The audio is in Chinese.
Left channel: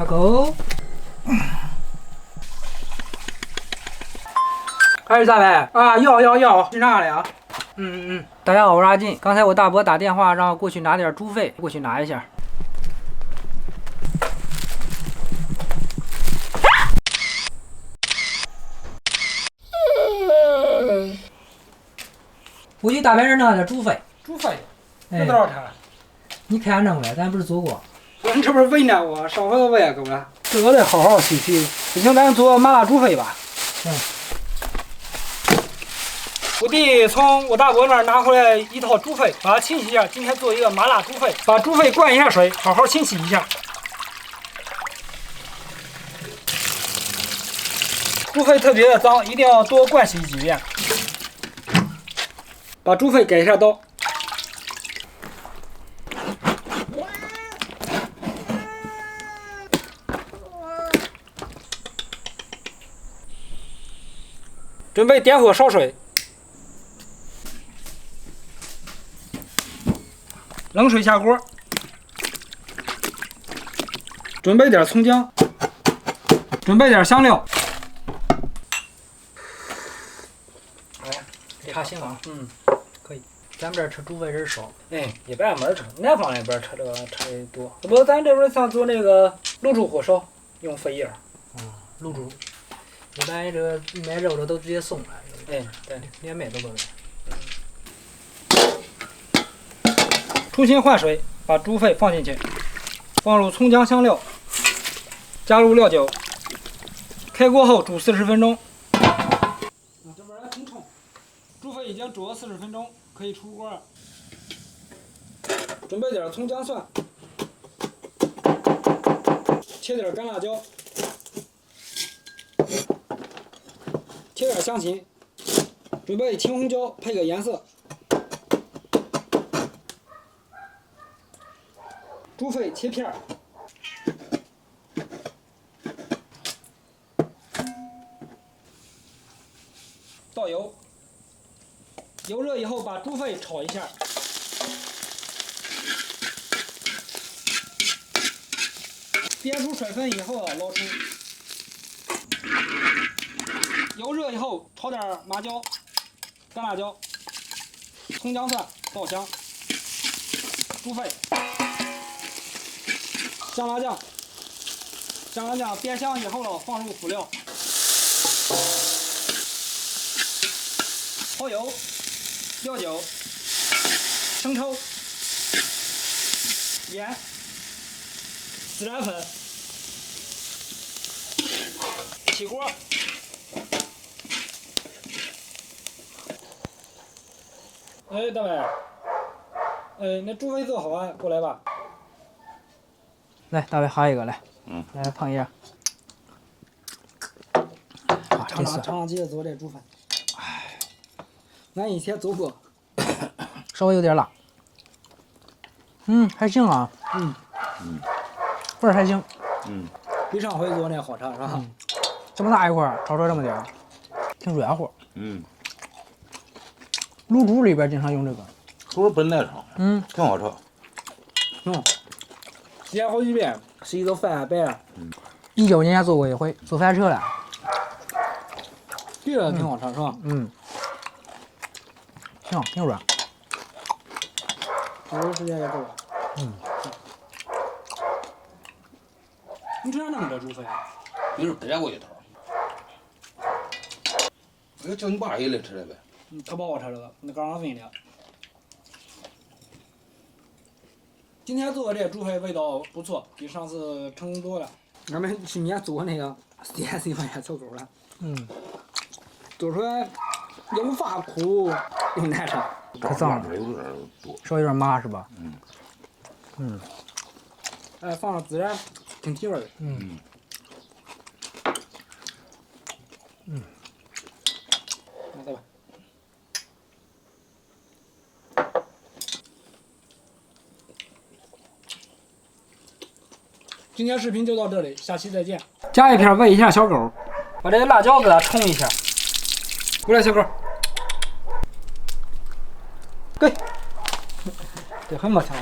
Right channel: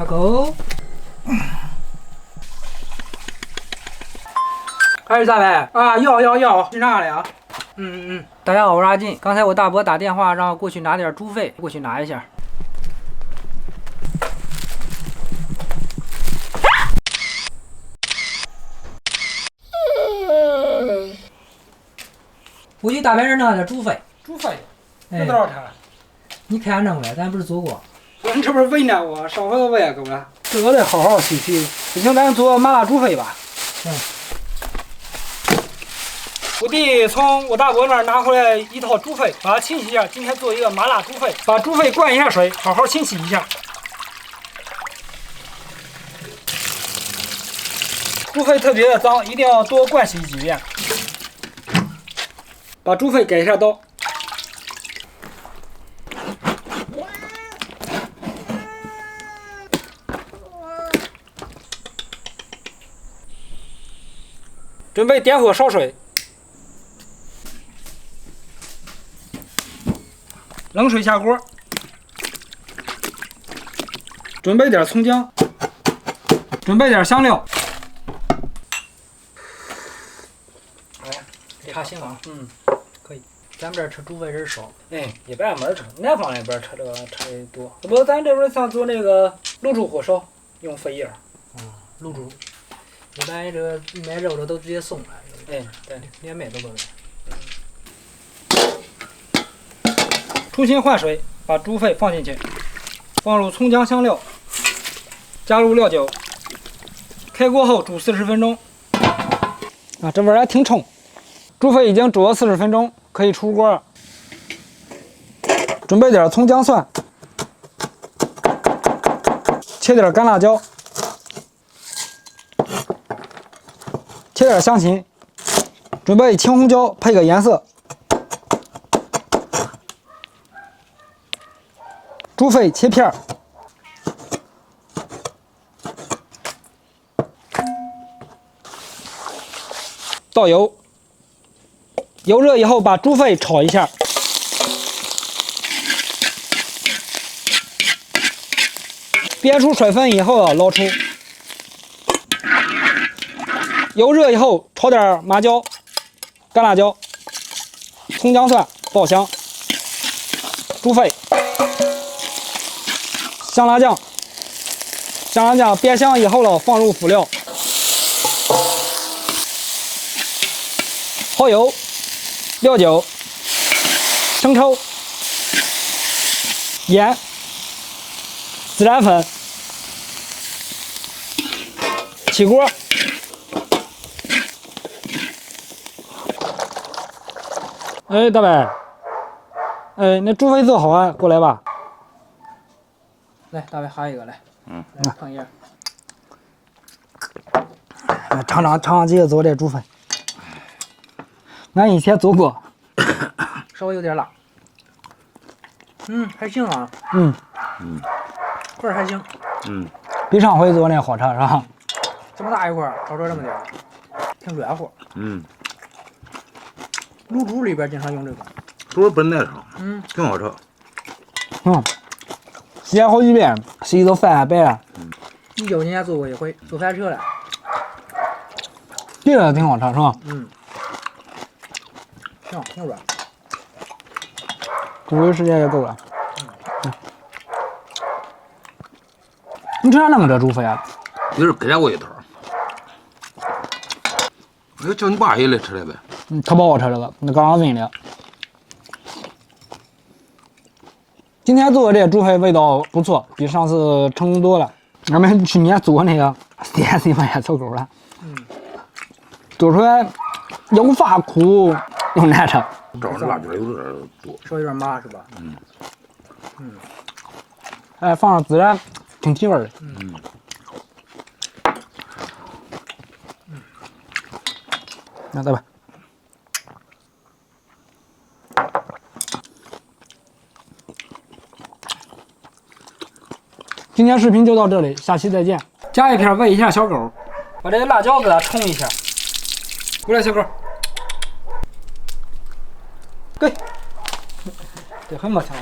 阿狗，还是咋呗？啊，要，去哪了呀？大家好，我是阿进。刚才我大伯打电话让我过去拿点猪肺，过去拿一下。我去大别人拿点猪肺。猪肺，哎这多少钱？你看弄呗，咱不是做过。你这不是为难我？上回都喂够了。这个得好好洗洗。不行，咱做麻辣猪肺吧。我弟从我大伯那儿拿回来一套猪肺，把它清洗一下。今天做一个麻辣猪肺，把猪肺灌一下水，好好清洗一下。猪肺特别的脏，一定要多灌洗几遍。把猪肺改一下刀。准备点火烧水，冷水下锅，准备点葱姜，准备点香料。差行啊，可以。咱们这儿吃猪肺人少，一般没人吃，南方那边吃这个吃的多。不，咱这边像做那个卤猪火烧，用肺叶。卤猪。一般这个买肉的都直接送来。对，连卖都不卖。重新换水，把猪肺放进去，放入葱姜香料，加入料酒，开锅后煮40分钟。这味儿还挺冲。猪肺已经煮了40分钟，可以出锅了。准备点葱姜蒜，切点干辣椒，切点香芹，准备青红椒配个颜色。猪肺切片儿，倒油，油热以后把猪肺炒一下，煸出水分以后捞出。油热以后炒点麻椒、干辣椒、葱姜蒜爆香，猪肺。香辣酱煸香以后放入辅料，蚝油、料酒、生抽、盐、孜然粉，起锅。大伯，那猪肺做好啊，过来吧。来，大卫哈一个来，来碰一下，尝尝这个做的猪肺，俺以前做过，稍微有点辣，还行啊，块儿还行，比上回做那好吃是吧？这么大一块儿，炒出这么点儿，挺软和。卤猪里边经常用这个，猪本来上，挺好吃。洗好几遍，洗都饭还白了。19年做过一回，做翻车了。这个挺好吃是吧？行，挺软。煮的时间也够了。你吃啥弄这猪肺啊？一人给我一头。我就叫你爸也来吃来呗。特不好吃这个，那刚刚问的。今天做的这猪肺味道不错，比上次成功多了。俺们去年做那个4S卖走狗了，做出来又发苦又难吃。照着辣椒有点多，稍微有点麻是吧？放上孜然，挺提味的。那再吧。今天视频就到这里，下期再见。夹一片喂一下小狗，把这个辣椒给它冲一下。过来，小狗，给，这很没抢。